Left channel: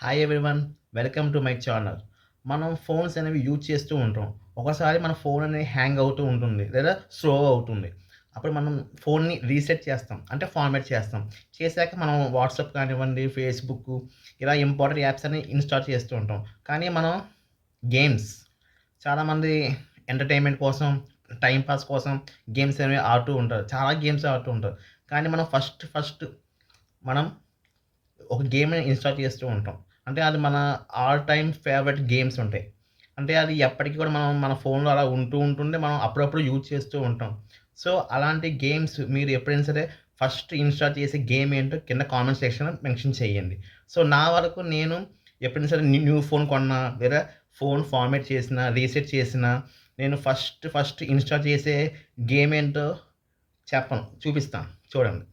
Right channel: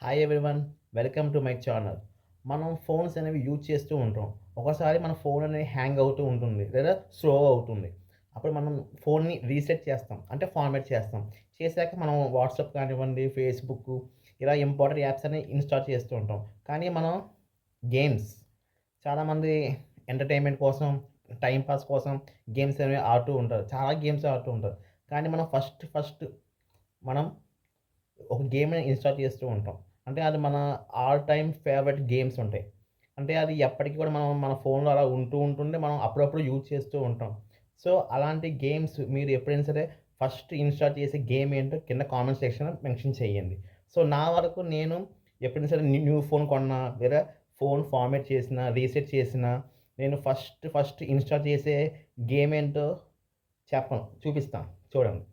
Hi everyone. Welcome to my channel. మనం phones అనేవి use చేస్తూ ఉంటాం. ఒకసారి మన ఫోన్ అనేది హ్యాంగ్ అవుతూ ఉంటుంది. లేదా స్లో అవుతుంది. అప్పుడు మనం ఫోన్‌ని రీసెట్ చేస్తాం. అంటే ఫార్మాట్ చేస్తాం. చేశాక మనం వాట్సాప్ కానివ్వండి, ఫేస్‌బుక్కు ఇలా ఇంపార్టెంట్ యాప్స్ అన్ని ఇన్‌స్టాల్ చేస్తూ ఉంటాం. కానీ మనం గేమ్స్ చాలామంది ఎంటర్‌టైన్‌మెంట్ కోసం, టైమ్ పాస్ కోసం గేమ్స్ అనేవి ఆడుతూ ఉంటారు. చాలా గేమ్స్ ఆడుతూ ఉంటారు. కానీ మనం ఫస్ట్ మనం ఒక గేమ్‌ని ఇన్‌స్టాల్ చేస్తూ ఉంటాం. అంటే అది మన ఆల్ టైమ్ ఫేవరెట్ గేమ్స్ ఉంటాయి. అంటే అది ఎప్పటికి కూడా మనం మన ఫోన్‌లో అలా ఉంటుండే మనం అప్పుడప్పుడు యూజ్ చేస్తూ ఉంటాం. సో, అలాంటి గేమ్స్ మీరు ఎప్పుడైనా సరే ఫస్ట్ ఇన్‌స్టాల్ చేసే గేమ్ ఏంటో కింద కామెంట్ సెక్షన్‌లో మెన్షన్ చేయండి. సో, నా వరకు నేను ఎప్పుడైనా సరే న్యూ ఫోన్ కొన్నా లేదా ఫోన్ ఫార్మాట్ చేసినా, రీసెట్ చేసినా నేను ఫస్ట్ ఇన్‌స్టాల్ చేసే గేమ్ ఏంటో చూపిస్తాను. చూడండి.